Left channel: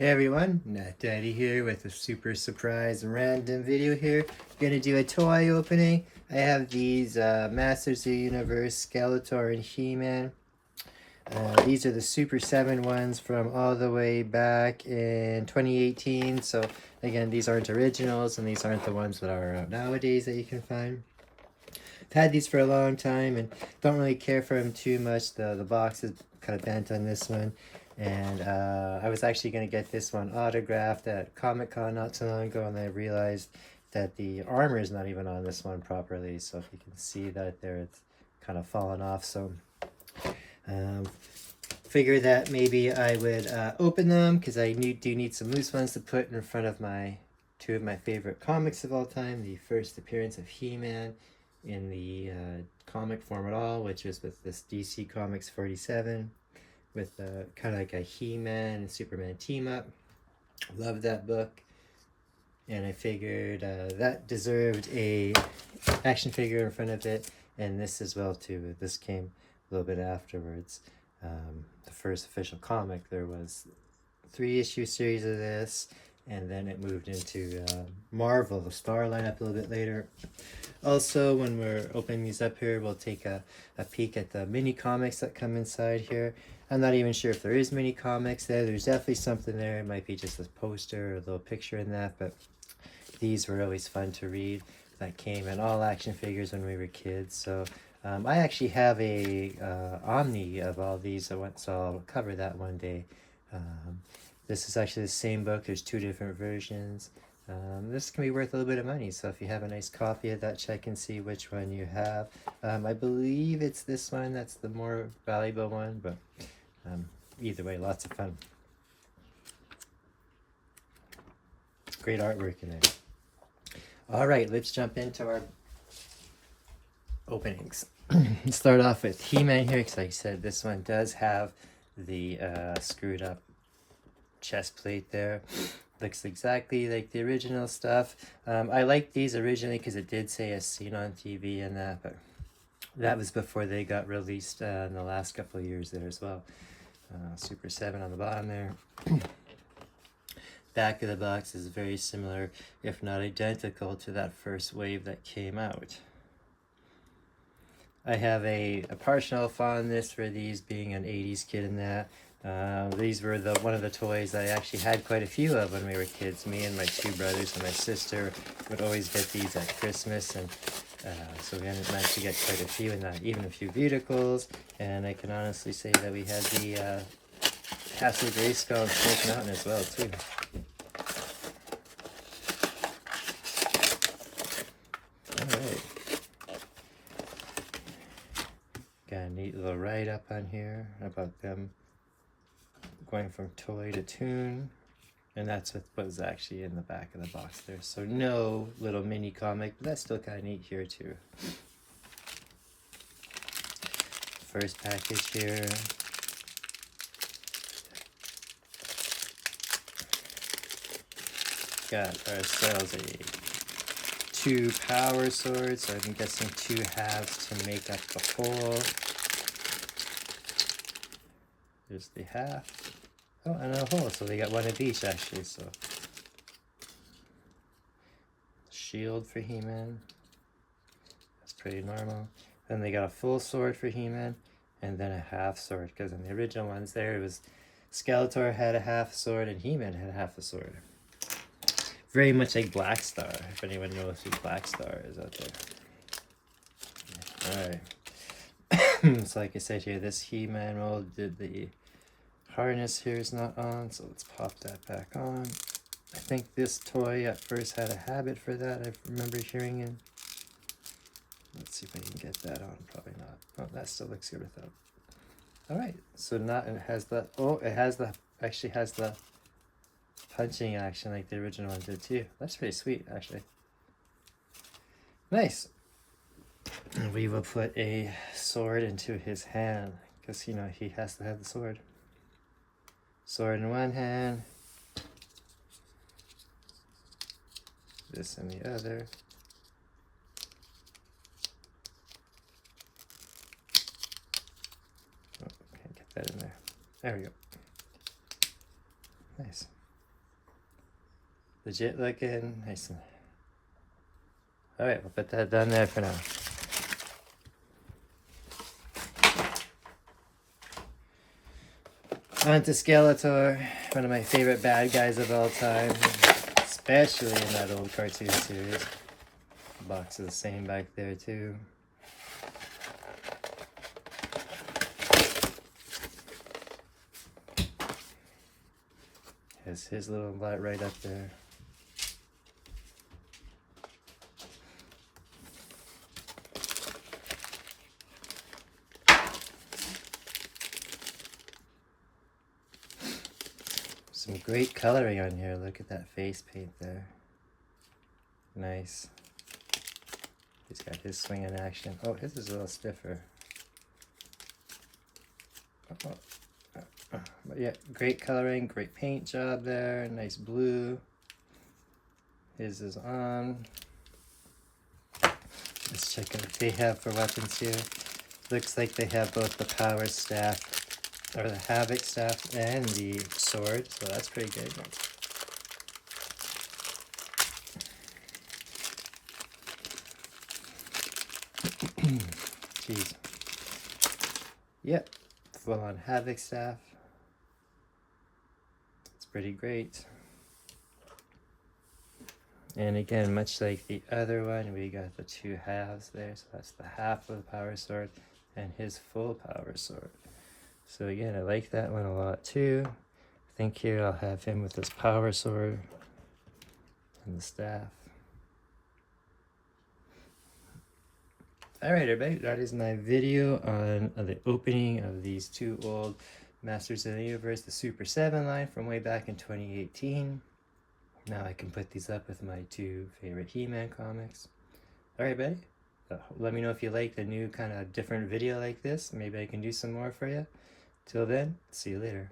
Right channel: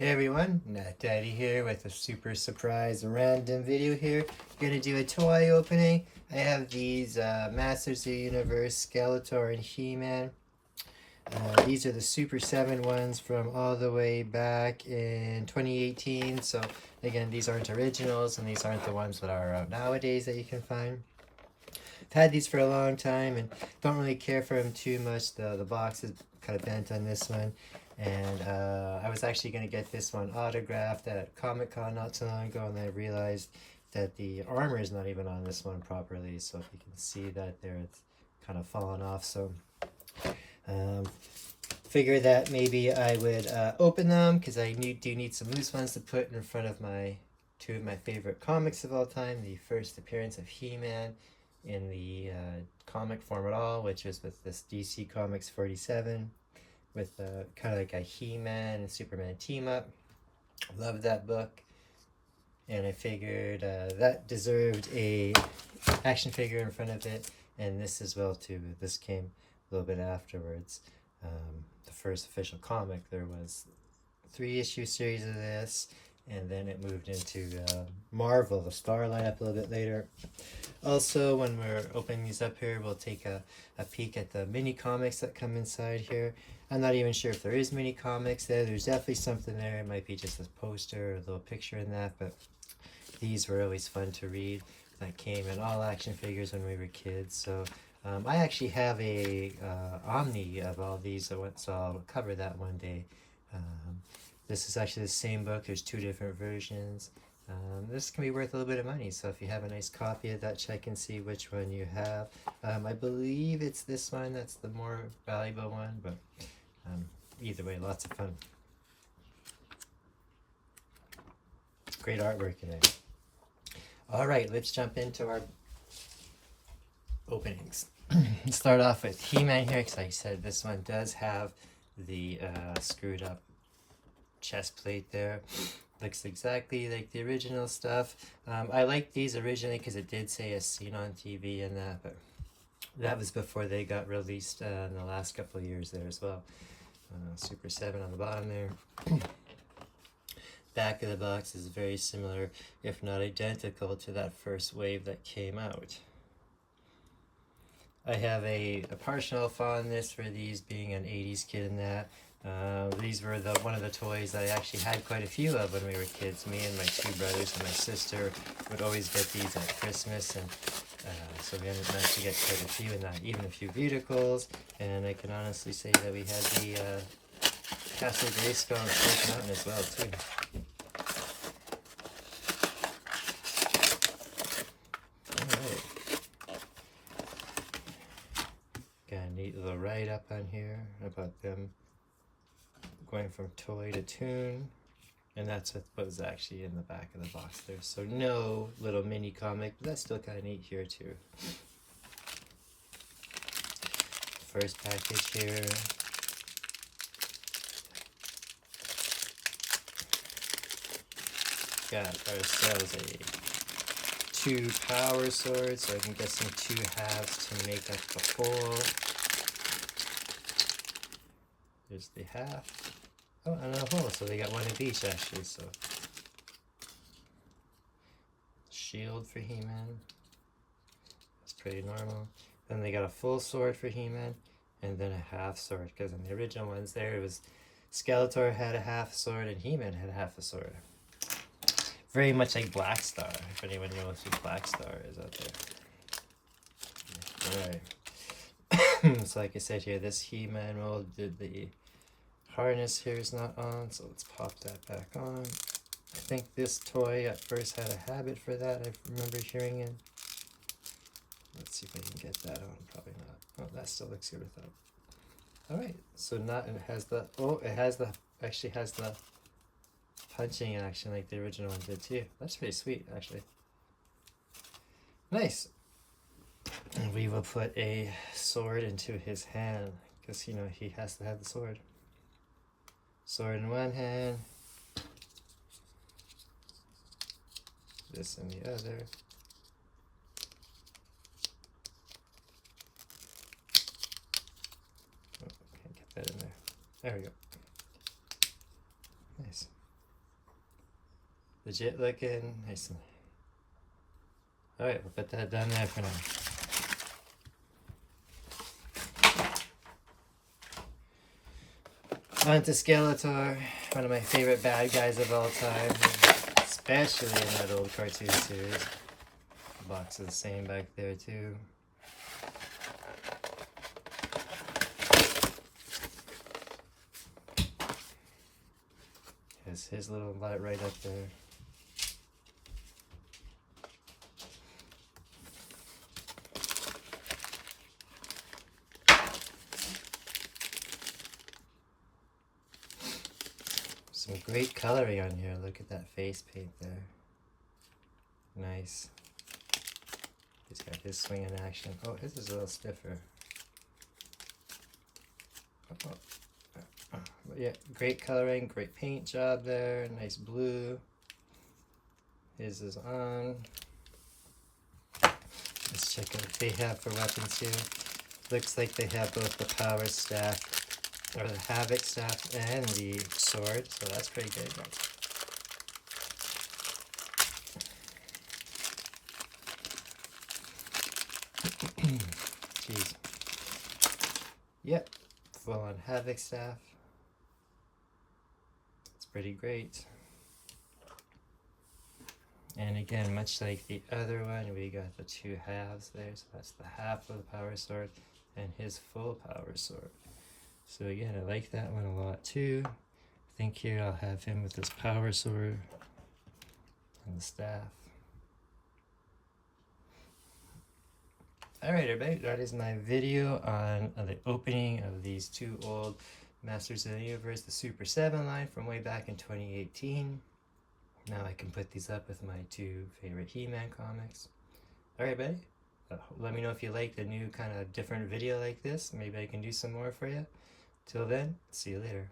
Hey everyone, Daddy here with a super surprise random video here. Gonna do a toy opening. I have these Masters of the Universe Skeletor and He-man. These are the Super 7 ones from all the way back in 2018. So again, these aren't originals and these aren't the ones that are out nowadays that you can find. I've had these for a long time and don't really care for them too much. The box is kind of bent on this one. And I was actually going to get this one autographed at Comic-Con not too long ago, and I realized that the armor is not even on this one properly. So if you can see that there, it's kind of fallen off. So figure that maybe I would open them because I do need some loose ones to put in front of two of my favorite comics of all time. The first appearance of He-Man in the comic form at all, which is with this DC Comics 47. With kind of like a He-Man and Superman team up. Love that book. And I figured that deserved a action figure in front of it. And this as well too. This came a little bit afterwards. The first official comic, there was 3-issue series of this. And then it moved into Marvel, the Star lineup a little bit later. Also, when we're opening these up here, we'll take a peek at the mini comics that come inside here. I'm not even sure if there is mini comics there. There's definitely something there. It might be just a poster or a little picture in that, but these were always fun to read. That came in all action figures when we were kids. So I actually have a Omni of all these, so I'll cover that one day. This is actually the same book. There's 2 different versions. This can be worth a little bit of money, so if you have a nice copy of that, check and see which one you have. I believe it's this one that's the more valuable one, but either way, lots of fun. Great artwork in there. All right, let's jump into our openings. Start off with He-Man here, because like I said, this one does have the screwed up chest plate there. Looks exactly like the original stuff. I liked these originally because it did say "as seen on TV" and that, but that was before they got released in the last couple of years there as well. Super 7 on the bottom there. Back of the box is very similar, if not identical, to that first wave that came out. I have a partial fondness for these, being an 80s kid in that. These were one of the toys I actually had quite a few of when we were kids. Me and my 2 brothers and my sister would always get these at Christmas, and so we managed to get quite a few in that, even a few vehicles. And I can honestly say that we had the Castle Grayskull and Snake Mountain as well too. Alright. Got a neat little write-up on here about them going from toy to tune, and that's what was actually in the back of the box there. So no little mini comic, but that's still kind of neat here too. First package here. Got ourselves 2 power swords, so I'm guessing 2 halves to make up the whole. There's the half. Oh, and a whole, so they got 1 of each actually, so. Shield for He-Man. That's pretty normal. Then they got a full sword for He-Man, and then a half sword, because in the original ones there, it was Skeletor had a half sword and He-Man had a half a sword. Very much like Black Star, if anyone knows who Black Star is out there. Alright. So like I said here, this He-Man mold did the harness here is not on, so let's pop that back on. I think this toy at first had a habit for that, I remember hearing it. Let's see if I can get that on, probably not. Oh, that still looks good with that. Alright, so now it has the, actually has the punching action like the original one did too. That's pretty sweet, actually. Nice. And we will put a sword into his hand, because, you know, he has to have the sword. Sword in one hand. This in the other. Oh, can't get that in there. There we go. Nice. legit looking. Nice. Alright, we'll put that down there for now. On to Skeletor, one of my favorite bad guys of all time, especially in that old cartoon series. The box is the same back there too. Has his little light right up there. Some great coloring on here. Look at that face paint there. Nice. He's got his swing in action. Oh, his is a little stiffer. But yeah, great coloring, great paint job there. Nice blue. His is on. Let's check what they have for weapons here. Looks like they have both the power staff, or the havoc staff, and the sword, so that's pretty good. Jeez. Yep, full on havoc staff. It's pretty great. And again, much like the other one, we got the two halves there. So that's the half of the power sword and his full power sword. So again, I like that one a lot too. I think here I'll have him with his power sword and the staff. Alright everybody, that is my video on the opening of these two old Masters of the Universe, the Super 7 line from way back in 2018. Now I can put these up with my two favorite He-Man comics. Alright buddy, let me know if you like the new kind of different video like this. Maybe I can do some more for you. Till then, see you later.